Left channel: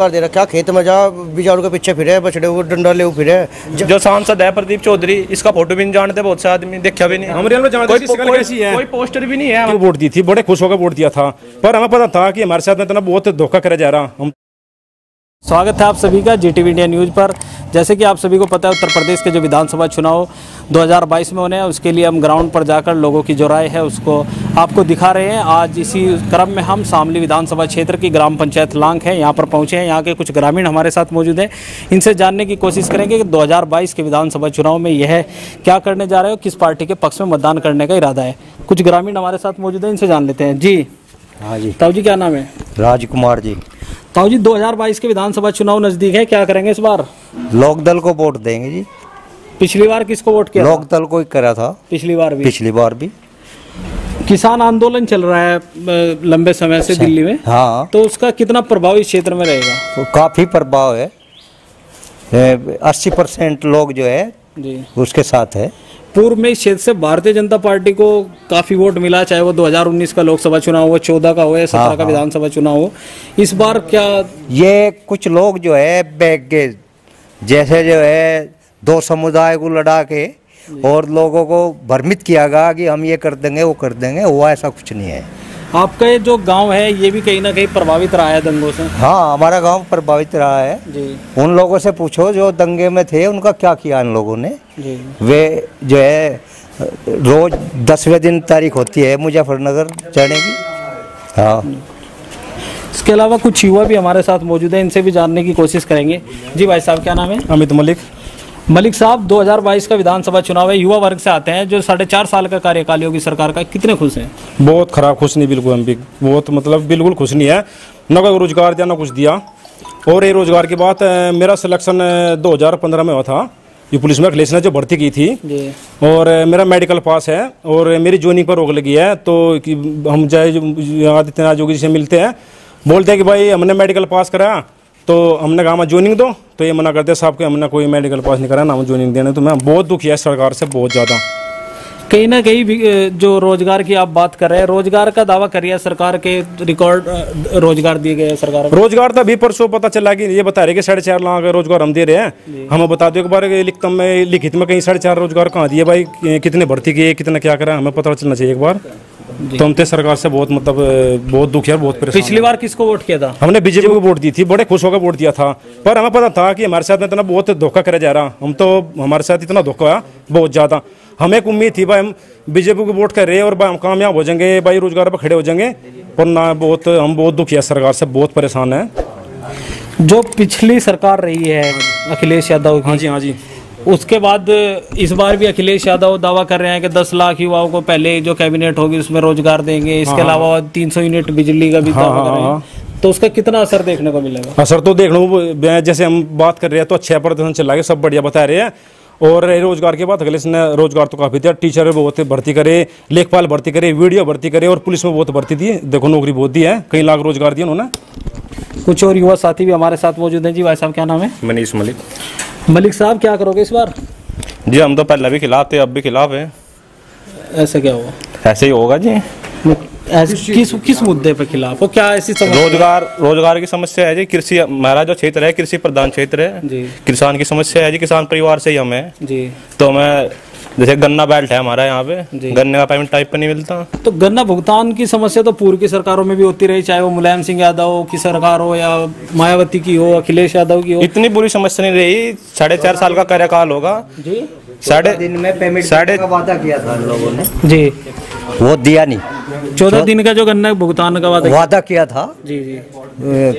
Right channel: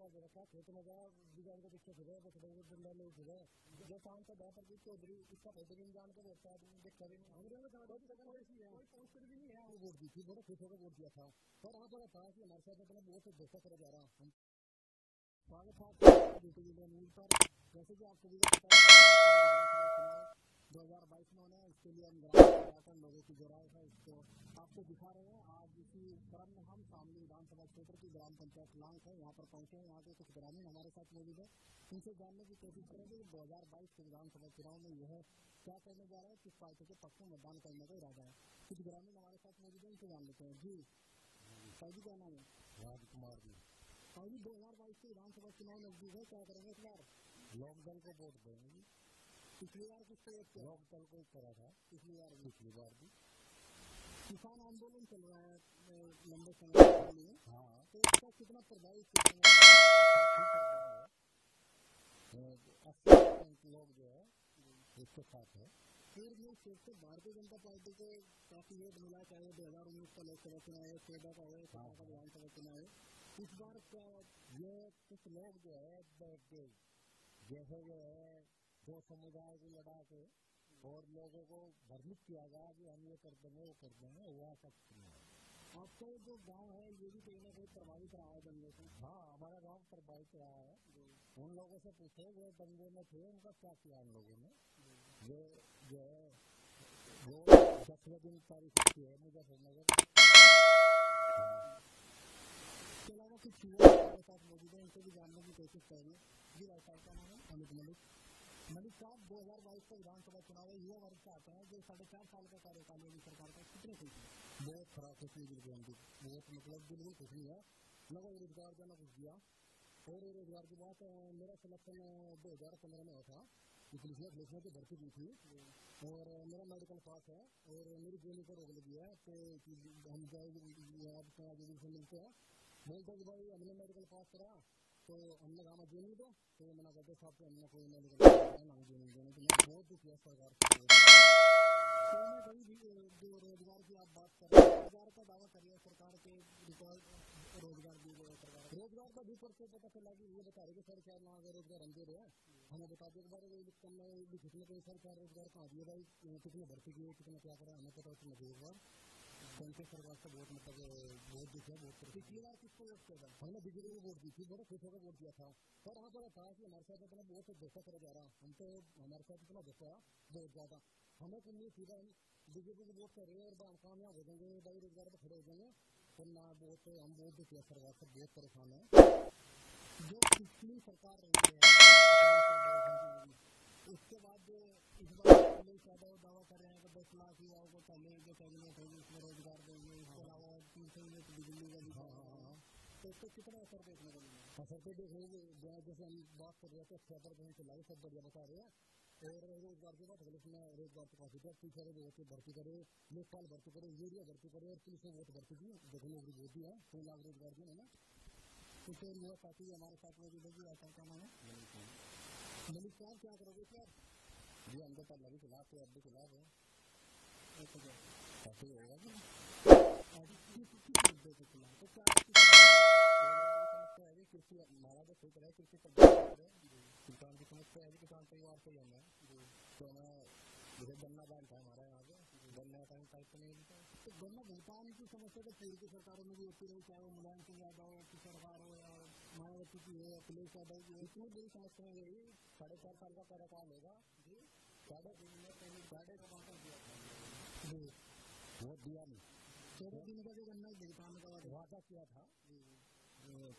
कर दे रखा खेत में जा बिचारों के पीछे फिरे बछड़े को डंडा ले फिरे। जो सांसद है प्रदीप चौधरी, इसका फोटो भी नहीं जानते बहुत से आदमी, देखा भी नहीं। कोई पोस्टर भी नहीं है। वोट दी थी, बड़े खुश होकर वोट दिया था, पर हमें पता था कि हमारे साथ में इतना बहुत धोखा करा जा रहा। हम स्वागत है आप सभी का जीटीवी इंडिया न्यूज़ पर। जैसे कि आप सभी को पता है, उत्तर प्रदेश के जो विधानसभा चुनाव 2022 में होने हैं, उसके लिए हम ग्राउंड पर जाकर लोगों की जो राय है उसको आपको दिखा रहे हैं। आज इसी क्रम में हम शामली विधानसभा क्षेत्र की ग्राम पंचायत लांग है, यहाँ पर पहुँचे हैं। यहाँ के कुछ ग्रामीण हमारे साथ मौजूद हैं, इनसे जानने की कोशिश करेंगे कि 2022 के विधानसभा चुनाव में यह क्या करने जा रहे हो, किस पार्टी के पक्ष में मतदान करने का इरादा है। कुछ ग्रामीण हमारे साथ मौजूद हैं, इनसे जान लेते हैं। जी हाँ जी। ताऊ जी क्या नाम है? राजकुमार जी। ताऊ जी 2022 के विधानसभा चुनाव नजदीक है, क्या करेंगे इस बार? लोकदल को वोट देंगे जी। पिछली बार किसको वोट किया? लोकदल को ही करा था पिछली बार भी। किसान आंदोलन चल रहा है लंबे समय से दिल्ली में। हाँ, तो उसका कितना प्रभाव इस क्षेत्र में रहेगा? तो काफी प्रभाव है। 80% लोग जो है जी उसके साथ है। पूर्व में इस क्षेत्र से भारतीय जनता पार्टी को काफी वोट मिला, चाहे वो 2019 का लोकसभा चुनाव हो, 14 का हो या 17 का विधानसभा चुनाव हो। इस बार क्या ये कुछ लोग जो है बैग के जैसे जो है दो समुदाय को लड़ा के और लोगों को भ्रमित किया गया कि हम ये कर देंगे वो कर देंगे, हुआ ऐसा कुछ नहीं है। आपका ये जो गांव है ये भी कहीं ना कहीं प्रभावित रहा है दंगों से? हाँ, हमारा गांव प्रभावित रहा है जी। उन लोगों से पूछो जो दंगे में थे, उनका क्या किया इन लोगों ने जी। वे जो है रोज 10वें दिन तारीख होती है मुजफ्फरनगर जाने की। हाँ, इसके अलावा कुछ युवा भी हमारे साथ मौजूद है, इनसे भी जानने की कोशिश करेंगे। जी भाई साहब क्या नाम है? अमित मलिक साहब, 2022 का विधानसभा चुनाव है, युवा वर्ग से आते हैं, जो 4.5 साल का कार्यकाल योगी सरकार का, कितने खुश हैं? बहुत खराब, खुश नहीं बिल्कुल। हम भी बहुत बिल्कुल खुश नहीं है। न कोई रोजगार दिया, न कुछ दिया। और ये रोजगार की बात, मेरा सिलेक्शन 2015 में हुआ था, ये पुलिस में अखिलेश ने जो भर्ती की थी जी। और मेरा मेडिकल पास है और मेरी ज्वाइनिंग पर रोक लगी है। तो हम जय आदित्यनाथ योगी जी से मिलते हैं, बोलते हैं कि भाई हमने मेडिकल पास कराया, तो हमने कहा ज्वाइनिंग दो, तो ये मना करते साहब के हमने कोई मेडिकल पास नहीं करा ना ज्वाइनिंग देने। तो मैं बहुत दुखी है सरकार से, बहुत ज़्यादा। कहीं ना कहीं जो रोजगार की आप बात कर रहे हैं, रोजगार का दावा करिए सरकार के, रिकॉर्ड रोजगार दिए गए सरकार को। रोजगार तो अभी परसों पता चला कि ये बता रहे कि 4.5 लाख रोजगार हम दे रहे हैं। हमें बता दो एक बार लिखित में कहीं 4.5 रोजगार कहाँ दिए भाई, कितने भर्ती किए, कितना क्या करा, हमें पता चलना चाहिए एक बार। तो हम सरकार से बहुत बहुत दुखी है, बहुत परेशान। पिछली बार किसको वोट किया था? हमने बीजेपी को वोट दी थी, बड़े खुश होकर वोट दिया था, पर हमें पता था कि हमारे साथ में इतना बहुत धोखा करा जा रहा। हमारे साथ इतना धोखा हुआ बहुत ज्यादा। हमें एक उम्मीद थी भाई हम बीजेपी को वोट कर रहे हैं और हम कामयाब हो जाएंगे, भाई रोजगार पर खड़े हो जाएंगे, पर ना हम बहुत दुखी है सरकार से, बहुत परेशान है। जो पिछली सरकार रही है अखिलेश यादव की, हाँ जी, उसके बाद इस बार भी अखिलेश यादव दावा कर रहे हैं कि 10 लाख युवाओं को पहले जो कैबिनेट होगी उसमें रोजगार देंगे। इसके अलावा 300 यूनिट बिजली का भी दावा कर रहे हैं। तो उसका कितना असर देखने को मिलेगा? असर तो देखने, जैसे हम बात कर रहे हैं तो 6% चला गया, सब बढ़िया बता रहे हैं। और रोजगार के बाद अखिलेश ने रोजगार तो काफी दिया, टीचर बहुत भर्ती करे, लेखपाल भर्ती करे, वीडियो भर्ती करे, और पुलिस में बहुत भर्ती दी, देखो नौकरी बहुत दी है, कई लाख रोजगार दिए उन्होंने। कुछ और युवा साथी भी हमारे साथ मौजूद हैं। जी भाई साहब क्या नाम है? मनीष मलिक। मलिक साहब क्या करोगे इस बार? जी हम तो पहले भी खिलाफ थे, अब भी खिलाफ है। ऐसा क्या हुआ? ऐसे ही होगा जी। किस मुद्दे पे खिलाफ हो? क्या ऐसी रोजगार की समस्या है जी। कृषि हमारा जो क्षेत्र है कृषि प्रधान क्षेत्र है जी। किसान की समस्या है जी, किसान परिवार से ही हम है जी। तो हमें जैसे गन्ना बेल्ट है हमारा यहाँ पे, गन्ने का पेमेंट टाइप पे नहीं मिलता। तो गन्ना भुगतान की समस्या तो पूर्व की सरकारों में भी होती रही, चाहे वो मुलायम सिंह यादव की सरकार हो या मायावती की हो, अखिलेश यादव की हो। इतनी बुरी समस्या नहीं रही। 4.5 साल का कार्यकाल होगा जी। 14 दिन में पेमेंट का वादा किया था इन लोगों ने जी, वो दिया नहीं। 14 दिन का जो गन्ना भुगतान का वादा किया था जी जी,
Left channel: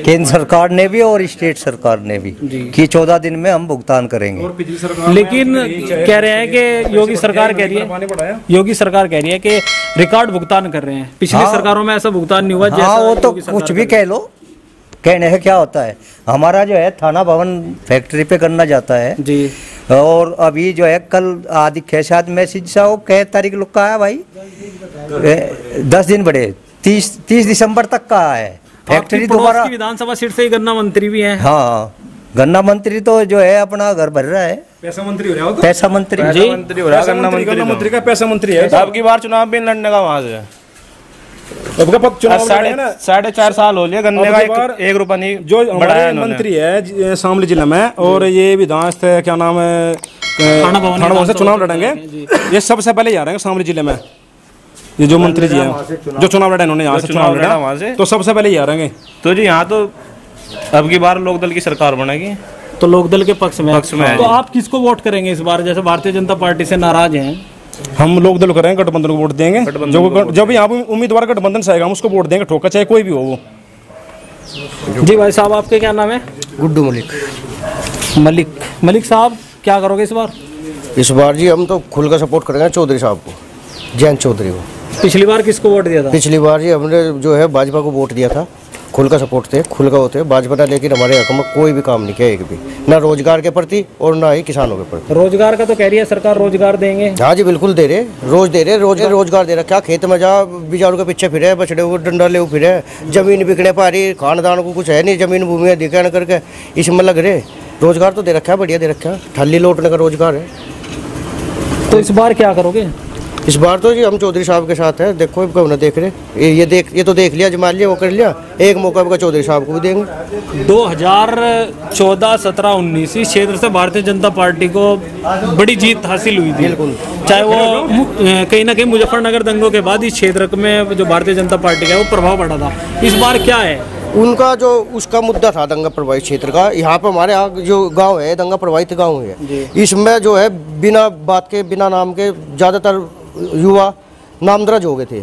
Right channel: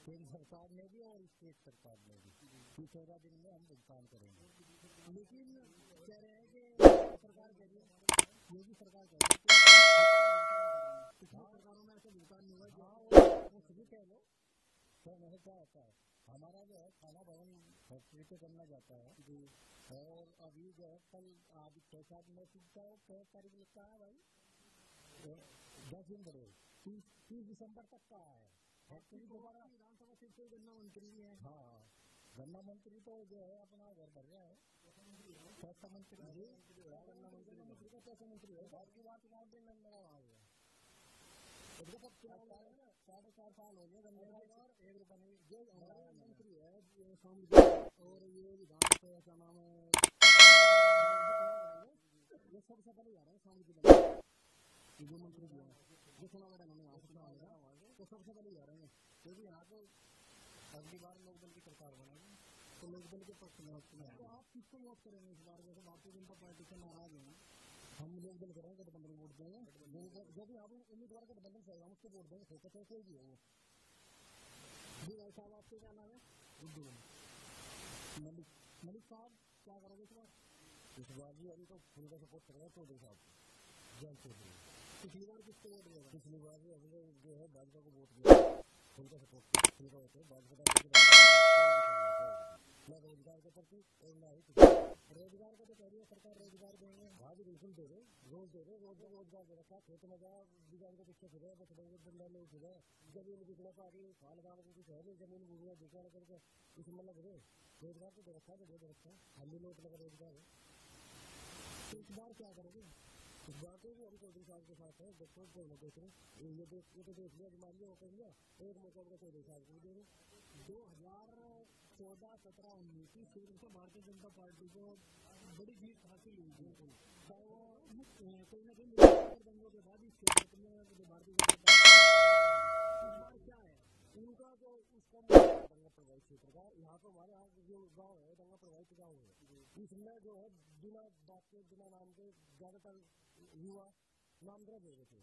केंद्र सरकार ने भी और स्टेट सरकार ने भी कि 14 दिन में हम भुगतान करेंगे। लेकिन कह रहे हैं कि योगी सरकार कह रही है कि रिकॉर्ड भुगतान कर रहे हैं। पिछली सरकारों में ऐसा भुगतान नहीं हुआ। हाँ, वो तो कुछ भी कह लो, कहने से क्या होता है। हमारा जो है थाना भवन फैक्ट्री पे करना जाता है जी। और अभी जो है कल आदि शायद मैसेज सा वो कै तारीख लोग का आया भाई, 10 दिन बड़े 30 दिसंबर तक का है। फैक्ट्री दोबारा विधानसभा सीट से ही गन्ना मंत्री भी हैं। हाँ, गन्ना मंत्री तो जो है अपना घर भर रहा है, पैसा मंत्री हो रहा है। पैसा मंत्री हो रहा है, गन्ना मंत्री का पैसा मंत्री है। अब की बार चुनाव भी लड़ने का वहां से साढ़े 4 साल हो लिया गन्ने का 1 रुपया नहीं जो हमारे मंत्री है शामली जिले में, और ये विधान क्या नाम है थाना भवन से चुनाव लड़ेंगे, ये सबसे पहले आ रहे हैं शामली जिले में। ये जो मंत्री जी हैं जो चुनाव लड़ा, इन्होंने यहाँ से चुनाव लड़ा वहाँ से, तो सबसे पहले ही आ रहे हैं। तो जी यहाँ तो अब की बार लोकदल की सरकार बनेगी, तो लोकदल के पक्ष में तो आप किसको वोट करेंगे इस बार? जैसे भारतीय जनता पार्टी से नाराज हैं, हम लोकदल करेंगे, गठबंधन को वोट देंगे। जो भी यहाँ पे उम्मीदवार गठबंधन से आएगा हम उसको वोट देंगे, ठोका चाहे कोई भी हो वो। जी भाई साहब, आपके क्या नाम है? गुड्डू मलिक। मलिक साहब, क्या करोगे इस बार? इस बार जी हम तो खुल का सपोर्ट करेंगे चौधरी साहब को, जयंत चौधरी को। पिछली बार किसको वोट दिया था? पिछली बार जी हमने जो है भाजपा को वोट दिया था, खुल का सपोर्ट थे, खुल का होते भाजपा ने, लेकिन हमारे हक में कोई भी काम नहीं किया, एक भी, ना रोजगार के प्रति और ना ही किसानों के प्रति। रोजगार का तो कह रही है सरकार, रोजगार देंगे। हाँ जी बिल्कुल दे रहे, रोज दे रहे, रोजगार दे रहा। क्या खेत में जा बिचारों के पीछे फिरे, बछड़े को डंडा ले फिरे, जमीन बिकने पा रही, खानदान को कुछ है नहीं, जमीन भूमि दिखा करके इसमें लग रहे। रोजगार तो दे रखा है, बढ़िया दे रखा है, ठल्ली लौटने का रोजगार है। तो इस बार क्या करोगे? इस बार तो जी हम चौधरी साहब के साथ है। देखो कब ना देख रहे, ये तो देख लिया, जमा लिया, वो कर लिया, एक मौका पर चौधरी साहब को भी देंगे। 2014, 17, 19 इस क्षेत्र से भारतीय जनता पार्टी को बड़ी जीत हासिल हुई थी, चाहे वो कहीं ना कहीं मुजफ्फरनगर दंगों के बाद इस क्षेत्र में जो भारतीय जनता पार्टी का वो प्रभाव पड़ा था। इस बार क्या है उनका जो उसका मुद्दा था दंगा प्रभावित क्षेत्र का? यहाँ पे हमारे यहाँ जो गांव है दंगा प्रभावित गांव है, इसमें जो है बिना बात के, बिना नाम के ज्यादातर युवा नामदर्ज हो गए थे,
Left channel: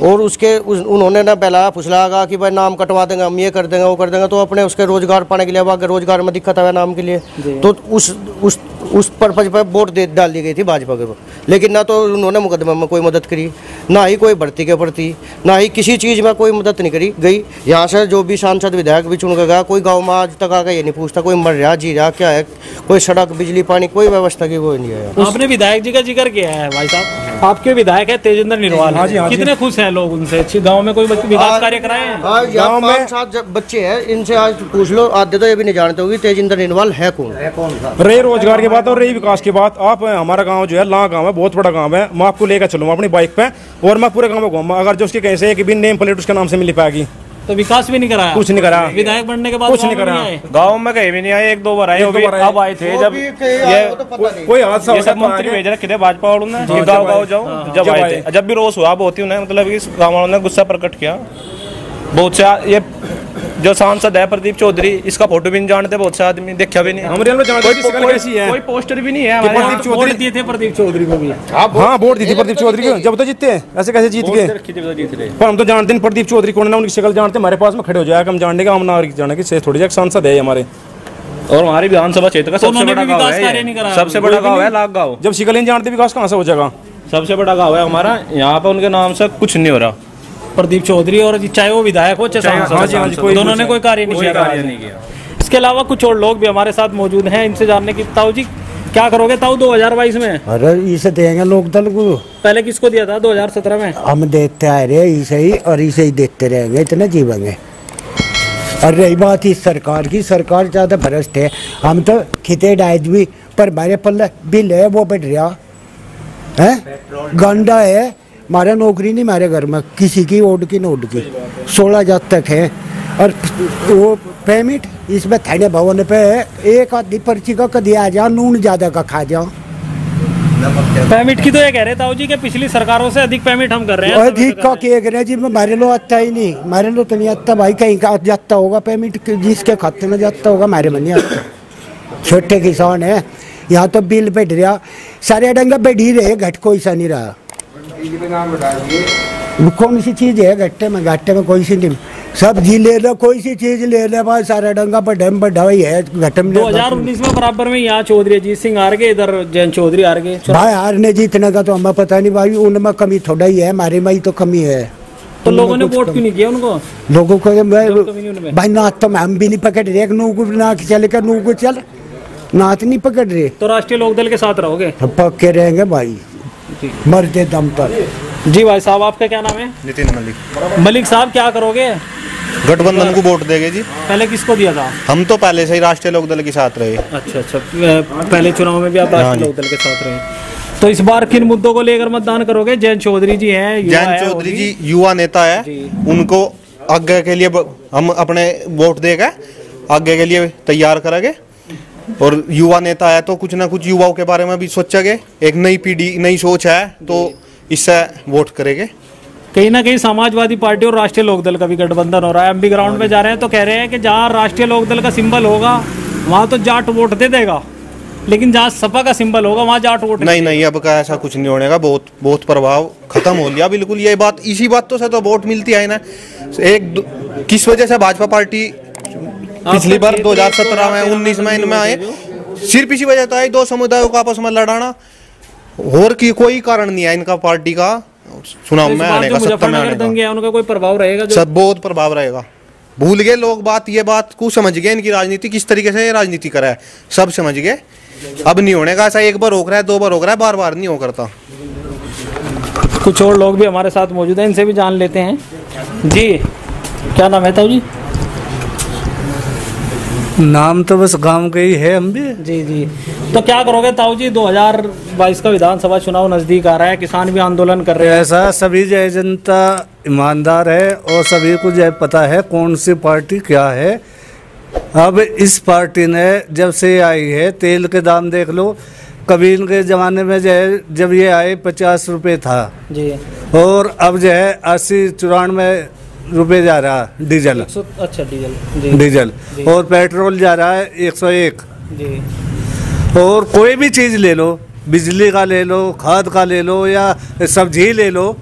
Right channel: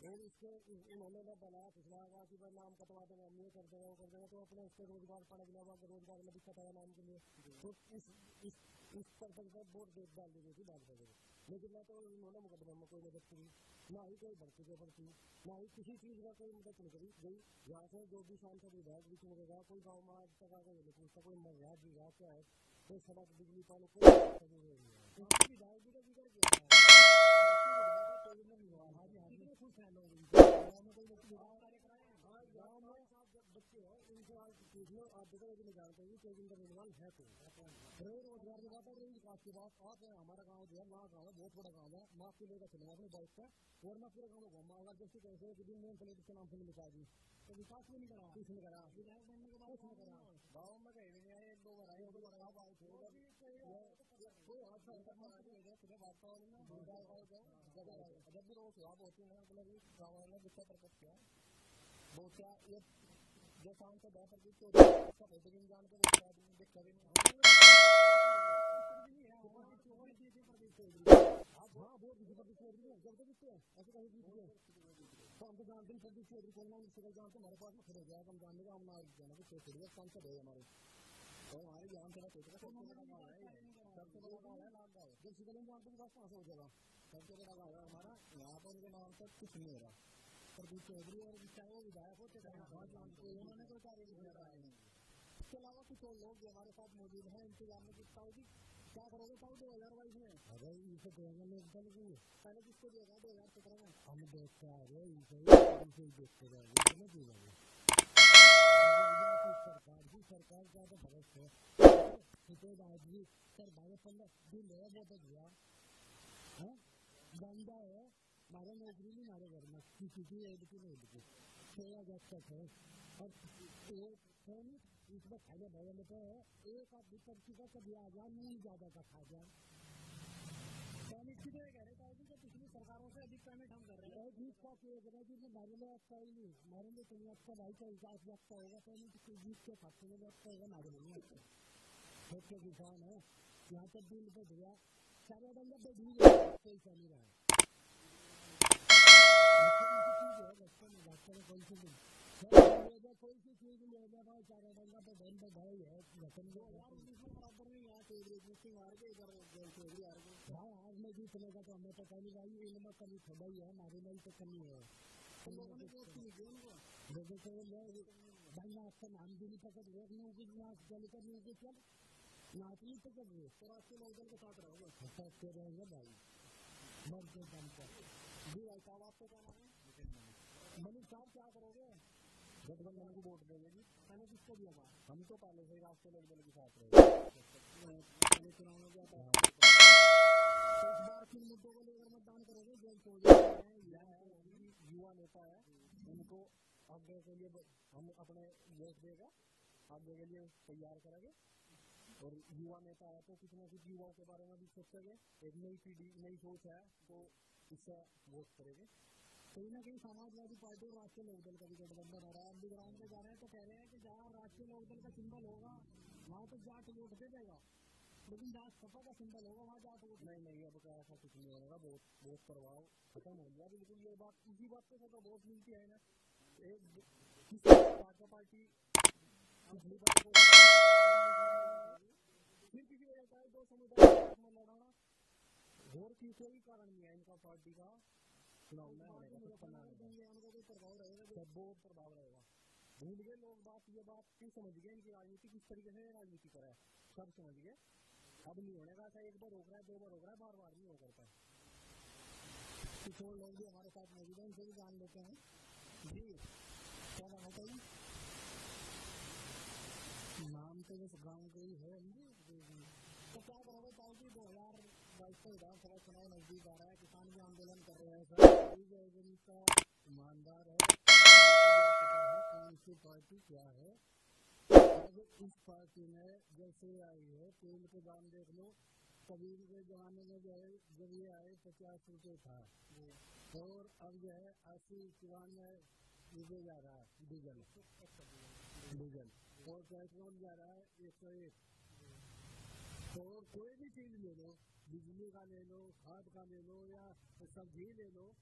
और उन्होंने ना पहला फुसलागा कि भाई नाम कटवा देंगे, हम ये कर देंगे, वो कर देंगे, तो अपने उसके रोजगार पाने के लिए, अब रोजगार में दिक्कत है नाम के लिए, तो उस पर्पज पर वोट डाल दी गई थी भाजपा के। लेकिन ना तो उन्होंने मुकदमे में कोई मदद करी, ना ही कोई भर्ती के प्रति, ना ही किसी चीज में कोई मदद नहीं करी गई। यहाँ से जो भी सांसद विधायक भी चुन के गया, कोई गाँव में आज तक आकर ये नहीं पूछता कोई मर रहा जी रहा क्या है, कोई सड़क बिजली पानी कोई व्यवस्था की वो नहीं है। आपने विधायक जी का जिक्र किया है भाई साहब, आपके विधायक है तेजेंद्र निर्वाल, कितने खुश हैं लोग उनसे? गांव में कोई विकास कार्य कराए हैं? गांव में 5-7 बच्चे हैं, इनसे आज पूछ लो, आधे तो ये भी नहीं जानते होगी तेजेंद्र निर्वाल है कौन। रही रोजगार की बात और रही विकास की बात, आप हमारा गांव जो है ला गांव है, बहुत बड़ा गांव है, मैं आपको लेकर चलूंगा अपनी बाइक पे और मैं पूरे गांव में घूमूंगा। अगर जो उसके कैसे है कि भी नेम प्लेट उसके नाम से मिल पाएगी, तो विकास भी नहीं कराया, कुछ नहीं करा, विधायक बनने के बाद कुछ नहीं करा, गांव में कहीं भी नहीं आए, 1-2 बार आए, अब आए थे जब ये कोई हादसा सब मंत्री भेज रखे थे भाजपा वालों ने, गाँव जाओ, जब आए थे, जब भी रोष हुआ बहुत ही उन्हें मतलब कि गाँव वालों ने गुस्सा प्रकट किया। बहुत से ये जो सांसद है प्रदीप चौधरी, इसका फोटो भी नहीं जानते बहुत से आदमी, देखा भी नहीं, कोई पोस्टर भी नहीं है। प्रदीप चौधरी दिए थे प्रदीप चौधरी को भी, हाँ वोट दी थी प्रदीप चौधरी को, जब तो जीतते ऐसे कैसे जीत गए, पर हम तो जानते नहीं प्रदीप चौधरी कौन है, उनकी शक्ल जानते, हमारे पास में खड़े हो जाएगा, हम जानने का, हम नागरिक जाने की थोड़ी सा सांसद है हमारे। और हमारी विधानसभा क्षेत्र का सबसे बड़ा गाँव है, सबसे बड़ा गाँव है लाख गाँव। जब शिकल नहीं जानते विकास कहाँ से हो जाएगा? सबसे बड़ा गाँव है हमारा, यहाँ पे उनके नाम से कुछ नहीं हो रहा। प्रदीप चौधरी और चाहे वो विधायक हो चाहे दोनों ने कोई कार्य नहीं किया। इसके अलावा कुछ और लोग भी हमारे साथ मौजूद हैं, इनसे जानने की। ताऊ जी क्या करोगे ताऊ 2022 में? अरे इसे देंगे लोकदल को। पहले किसको दिया था 2017 में? हम देते आ रहे इसे ही, और इसे ही देते रहेंगे, इतने जीवेंगे। और रही बात इस सरकार की, सरकार ज्यादा भ्रष्ट है। हम तो खिते डायज भी, पर हमारे पल्ले बिल है वो बढ़ रहा है, गंडा है, हमारे नौकरी नहीं, हमारे घर में किसी की ओड की नोट की 16,000 तक है, और वो पेमेंट इसमें थाने भवन पे एक आधी पर्ची का कभी आ जाओ, नून ज्यादा का खा जाओ। पेमेंट की तो ये कह रहे ताऊ जी कि पिछली सरकारों से अधिक पेमेंट हम कर रहे हैं। अधिक का कह रहे हैं जी, हमारे लो आता ही नहीं, हमारे लो तो नहीं आता भाई, कहीं का जाता होगा पेमेंट, जिसके खाते में जाता होगा, हमारे में नहीं आता। छोटे किसान है, यहाँ तो बिल बैठ रहा, सारे डंगा बैठ ही रहे, घट कोई सा नहीं रहा। कौन सी चीज है घट्टे में कोई सी नहीं, सब्जी ले लो, कोई सी चीज ले ले भाई, सारा डंगा पर डैम बढ़ा हुई है घटे में। 2019 में बराबर में यहाँ चौधरी अजीत सिंह हार गए, इधर जयंत चौधरी हार गए। भाई हारने जीतने का तो हमें पता नहीं भाई, उनमें कमी थोड़ा ही है, हमारे में ही तो कमी है। तो लोगों ने वोट क्यों नहीं किया उनको? लोगों को भाई नाथ तो हम भी नहीं पकड़ रहे, ना चले कर नू को चल, नाथ नहीं पकड़ रहे। तो राष्ट्रीय लोकदल के साथ रहोगे? पक्के रहेंगे भाई, मरते दम पर। जी भाई साहब, आपका क्या नाम है? नितिन मलिक। मलिक साहब क्या करोगे? गठबंधन को वोट देंगे जी। पहले किसको दिया था? हम तो पहले से ही राष्ट्रीय लोकदल के साथ रहे। अच्छा, पहले चुनाव में भी आप राष्ट्रीय लोकदल के साथ रहे। तो इस बार किन मुद्दों को लेकर मतदान करोगे? जयंत चौधरी जी हैं, जयंत चौधरी जी युवा नेता है, उनको आगे के लिए हम अपने वोट देगा आगे के लिए तैयार करेंगे। और युवा नेता है तो कुछ ना कुछ युवाओं के बारे में भी सोचेंगे, एक नई पीढ़ी नई सोच है तो इससे वोट करेंगे। कहीं ना कहीं समाजवादी पार्टी और राष्ट्रीय लोकदल का भी गठबंधन हो रहा है। हम भी ग्राउंड पे जा रहे हैं तो कह रहे हैं कि जहाँ राष्ट्रीय लोकदल का सिंबल होगा वहाँ तो जाट वोट दे देगा, लेकिन जहाँ सपा का सिंबल होगा वहाँ जाट वोट नहीं, अब का ऐसा कुछ नहीं होने का। बहुत प्रभाव खत्म हो गया बिल्कुल। ये बात इसी बात से तो वोट मिलती है ना। किस वजह से भाजपा पार्टी पिछली बार 2017 में 19 में इनमें आए, सिर्फ इसी वजह तो आई, दो समुदायों को आपस में लड़ाना, और की कोई कारण नहीं है इनका पार्टी का चुनाव में आने का, सत्ता में आने का। उनका कोई प्रभाव रहेगा? सब बहुत प्रभाव रहेगा। भूल गए लोग बात, ये बात को समझ गए, इनकी राजनीति किस तरीके से राजनीति करा है सब समझ गए। अब नहीं होने का ऐसा, एक बार हो रहा है, दो बार हो रहा है, बार बार नहीं हो करता। कुछ और लोग भी हमारे साथ मौजूद हैं, इनसे भी जान लेते हैं। जी क्या नाम है ताऊ जी? नाम तो बस गांव के ही है हम भी। जी तो क्या करोगे ताऊ जी? 2022 का विधानसभा चुनाव नजदीक आ रहा है, किसान भी आंदोलन कर रहे हैं। ऐसा सभी जय जनता ईमानदार है और सभी को जय पता है कौन सी पार्टी क्या है। अब इस पार्टी ने जब से आई है, तेल के दाम देख लो, कभी इनके ज़माने में जब ये आए 50 रुपये था जी, और अब जो है 80-94 रुपये जा रहा है डीजल। अच्छा डीजल और पेट्रोल जा रहा है 101 जी। और कोई भी चीज़ ले लो, बिजली का ले लो, खाद का ले लो या सब्जी ले लो,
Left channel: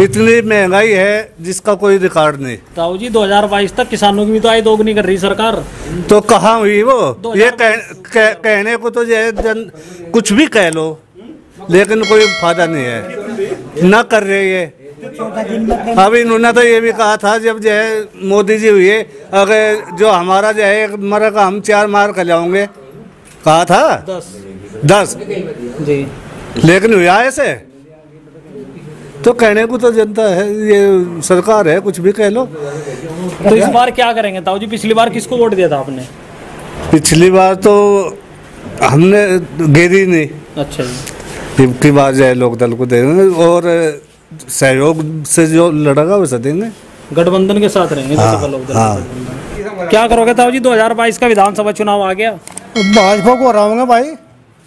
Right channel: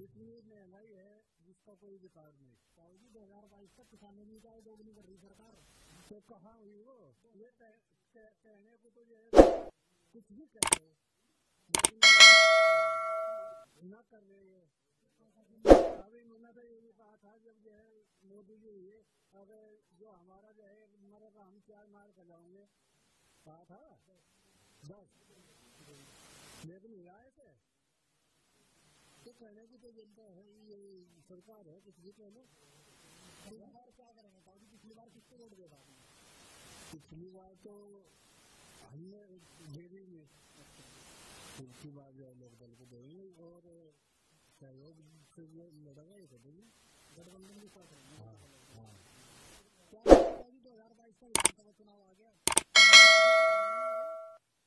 इतनी महंगाई है जिसका कोई रिकॉर्ड नहीं। ताऊ जी 2022 तक किसानों की भी तो आय दोगुनी कर रही सरकार, तो कहाँ हुई वो? ये कहने को तो कुछ भी कह लो, लेकिन कोई फायदा नहीं है, ना कर रहे ये। अब इन्होंने तो ये भी कहा था जब जो है मोदी जी हुए, अगर जो हमारा जो है एक मरेगा हम 4 मार कर जाओगे, कहा था 10 जी, लेकिन हुआ ऐसे। तो कहने को तो जनता है, ये सरकार है, कुछ भी कह लो। तो इस बार क्या करेंगे ताऊ जी? पिछली बार किसको वोट दिया था आपने? पिछली बार तो हमने गिरी नहीं। अच्छा जी। की बार जो है लोकदल को देंगे और सहयोग से जो लड़ेगा वैसे देंगे, गठबंधन के साथ रहेंगे। हाँ। क्या करोगे ताऊ जी? 2022 का विधानसभा चुनाव आ गया, भाजपा को हराऊंगा भाई।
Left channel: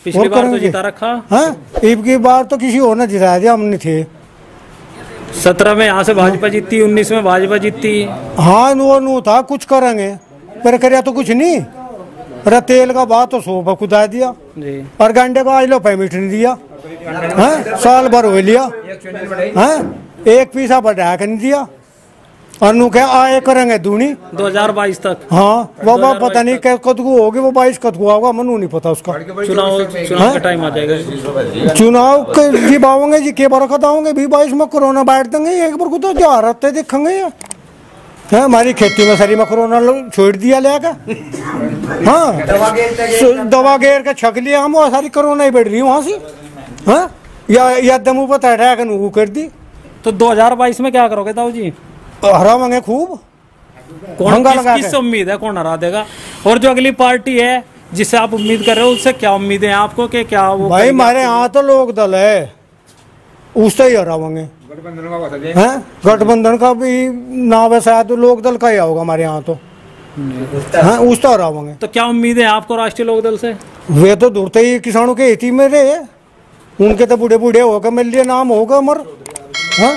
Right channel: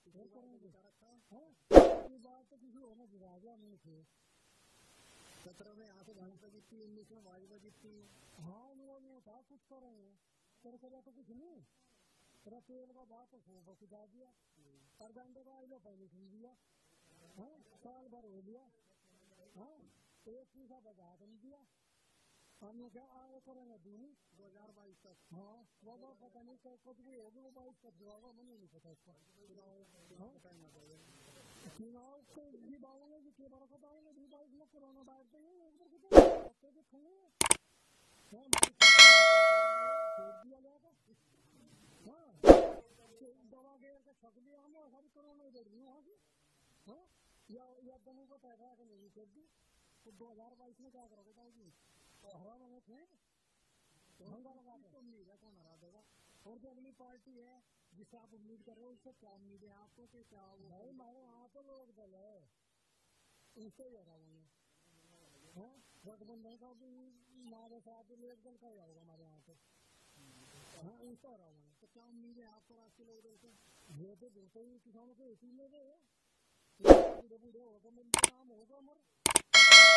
पिछली बार तो जिता रखा। हाँ, अब की बार तो किसी और ने जिताया दिया, हमने थे। 17 में यहाँ से भाजपा जीती, 19 में भाजपा जीती। हाँ वो था कुछ करेंगे, पर कर तो कुछ नहीं। अरे तेल का बात तो 100 खुदा दिया जी, और गंडे का आज लो पेमेंट नहीं दिया। हाँ, साल भर हो लिया। हाँ, एक पैसा बढ़ा कर नहीं दिया, और नु क्या आए करेंगे दूनी 2022 तक। हाँ वो पता नहीं क्या कद को होगी, वो 22 कद को होगा, मनु नहीं पता उसका। चुनाव का टाइम आ जाएगा, चुनाव जी बावोंगे जी के बरकत आओगे 22 में कोरोना बैठ देंगे, एक बार को तो जो रहते देखेंगे। हाँ, हमारी खेती में सारी में कोरोना छोड़ दिया लेगा। हाँ, दवा घेर के छक लिया हम, और सारी कोरोना ही बैठ रही वहाँ से। हाँ, या दमू पर तैराक वो कर दी। तो 2022 में क्या करोगे ताऊ जी? हरावांगे खूब। कौन किस उम्मीद है, कौन हरा देगा? और जो अगली पार्टी है जिससे आप उम्मीद कर रहे हो, उससे क्या उम्मीद है आपको कि क्या वो? भाई हमारे यहाँ तो लोक दल है, उससे ही हरावांगे। गठबंधन का भी नाम है शायद, लोक दल का ही होगा हमारे यहाँ तो। हाँ, उस तो हरावांगे। तो क्या उम्मीद है आपको राष्ट्रीय लोक दल से? वे तो दूरते ही किसानों के हित में रहे, उनके तो बूढ़े बूढ़े होकर मिल लिए नाम होगा मर। हाँ?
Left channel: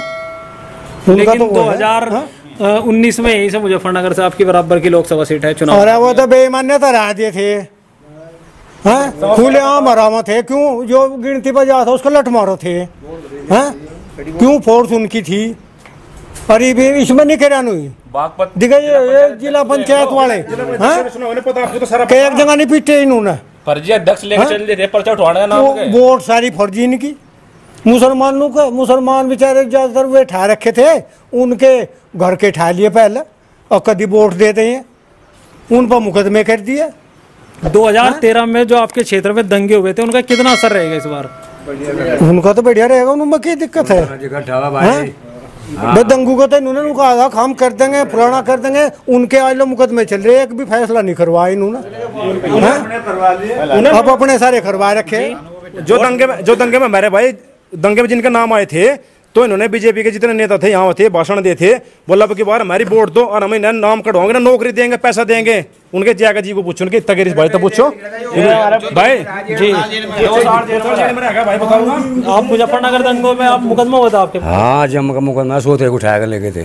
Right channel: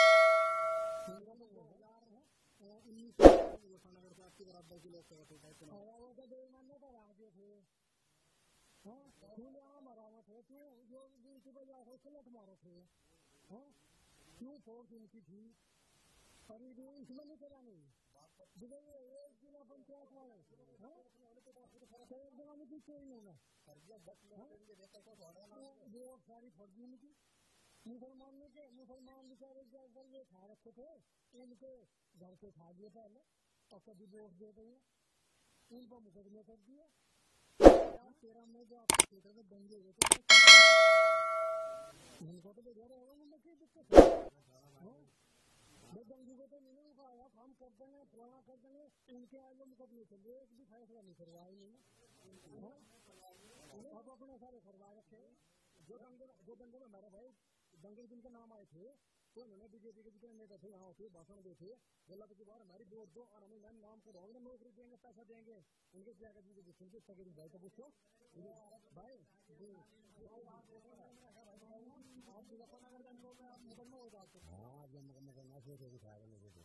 लेकिन तो 2019 में यही से मुजफ्फरनगर से आपकी बराबर की लोकसभा सीट है चुनाव। अरे वो तो बेमान्यता रह दिए थे। हाँ, खुले आम हरामा थे, क्यों जो गिनती पर जा था उसको लट मारो थे। हाँ, क्यों फोर्स उनकी थी। अरे इसमें नहीं करा हुई दिखाइए जिला पंचायत वाले। हाँ, एक जगह नहीं पीटे इन्होंने, फर्जी अध्यक्ष लेकर चल रहे पर्चा उठवाने का नाम है। वोट सारी फर्जी इनकी। मुसलमान बेचारे ज्यादातर वे ठा रखे थे, उनके घर के ठा लिए पहले, और कभी वोट देते हैं उन पर मुकदमे कर दिए। 2013 में जो आपके क्षेत्र में दंगे हुए थे, उनका कितना असर रहेगा इस बार? उनका तो बढ़िया रहेगा, उनमें क्या दिक्कत है? दंगू को तो इन्होंने कहा था काम कर देंगे, फलाना कर देंगे, उनके आज लो मुकदमे चल रहे, एक भी फैसला नहीं करवाया इन्होंने। अब अपने सारे करवा रखे। जो दंगे में मेरे भाई दंगे में जिनके नाम आए थे, तो इन्होंने बीजेपी के जितने नेता थे यहाँ थे, भाषण दिए थे, बोला कि बार हमारी वोट दो और हमें नाम कटवाओगे ना, नौकरी देंगे, पैसा देंगे। उनके जयागा जी को पूछो, उनके तगेरी भाई तो पूछो भाई जी। भाई बताऊंगा आप मुजफ्फरनगर दंगों में आप मुकदमा हुआ था आपके? हाँ, जब का मुकदमा सोते को उठाकर लेके थे,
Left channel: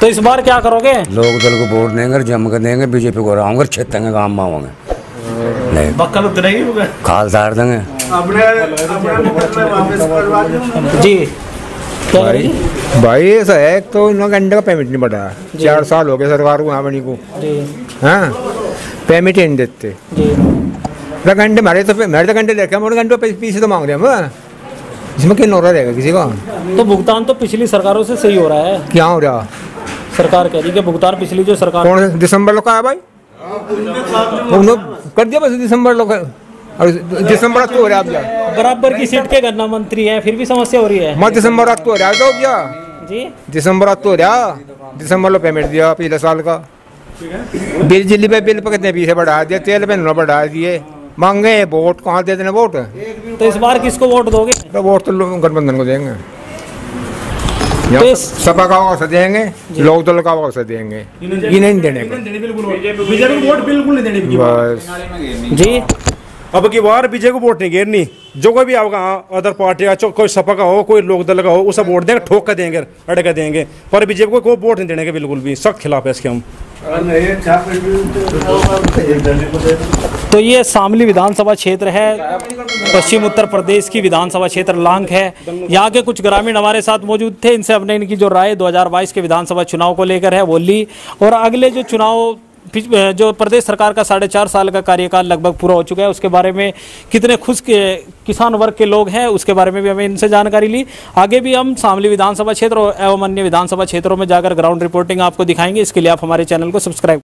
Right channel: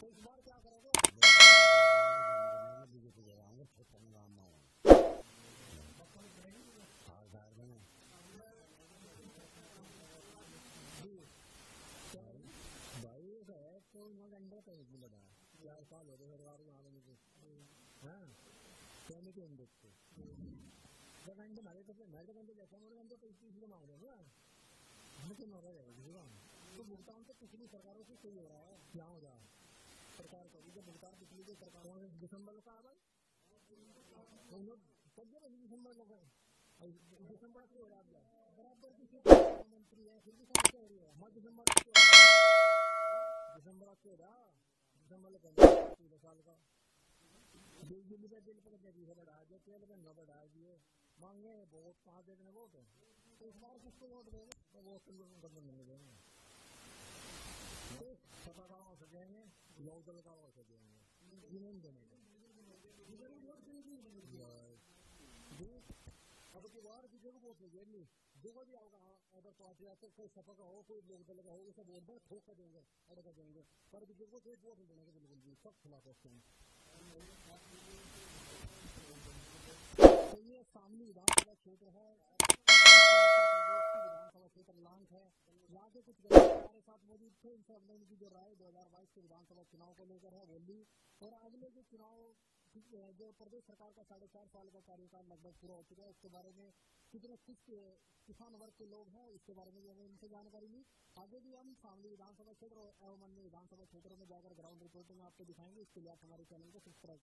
तो इस बार क्या करोगे? लोग दल को वोट देंगे, जम कर देंगे, बीजेपी को रहूंगे, छेतेंगे, गाँव में आऊंगे, बक्कल उतरेगी, खाल तार देंगे जी। भाई ऐसा है, तो इन्होंने घंटे का पेमेंट नहीं बढ़ा, 4 साल हो गए सरकार को यहाँ बनी को, हाँ पेमेंट ही नहीं देते। घंटे मेरे तो घंटे देखे, मोटे घंटे पीछे तो मांग रहे हम, इसमें क्या नौरा रहेगा किसी का? तो भुगतान तो पिछली सरकारों से सही हो रहा है। क्या हो रहा? सरकार कह रही है भुगतान पिछली जो सरकार, कौन दिसंबर लोग का है भाई, उन्होंने कर दिया बस दिसंबर लोग, और दिसंबर तो हो रहा है, बराबर की सीट के गन्ना मंत्री हैं, फिर भी समस्या हो रही है। मत दिसंबर तो हो रहा है तो क्या जी, दिसंबर तो हो रहा, दिसंबर लो पेमेंट दिया पिछले साल का, बिजली पे बिल पे कितने पैसे बढ़ा दिए, तेल पे उन्होंने बढ़ा दिए, मांगे वोट कहाँ दे देने वोट? तो इस बार किसको वोट दोगे? तो वोट तो गठबंधन को देंगे, सपा का अवसर देंगे, लोक दल का अवसर देंगे, ये नहीं देने का, बीजेपी को वोट बिल्कुल नहीं देने की बस जी। अब की बार बीजेपी को वोट नहीं घेरनी, जो कोई भी आपका अदर पार्टी का, कोई सपा का हो, कोई लोक दल का हो, उसे वोट देंगे, ठोक कर देंगे, अड़ कर देंगे, पर बीजेपी को कोई वोट नहीं देने के बिल्कुल भी, सख्त खिलाफ है इसके हम। तो ये शामली विधानसभा क्षेत्र है, पश्चिम उत्तर प्रदेश की विधानसभा क्षेत्र लांग है। यहाँ के कुछ ग्रामीण हमारे साथ मौजूद थे, इनसे अपने इनकी जो राय 2022 के विधानसभा चुनाव को लेकर है वो ली, और अगले जो चुनाव, जो प्रदेश सरकार का 4.5 साल का कार्यकाल लगभग पूरा हो चुका है, उसके बारे में कितने खुश किसान वर्ग के लोग हैं उसके बारे में भी हमें इनसे जानकारी ली। आगे भी हम शामली विधानसभा क्षेत्र एवं अन्य विधानसभा क्षेत्रों में जाकर ग्राउंड रिपोर्टिंग आपको दिखाएंगे। इसके लिए आप हमारे चैनल को सब्सक्राइब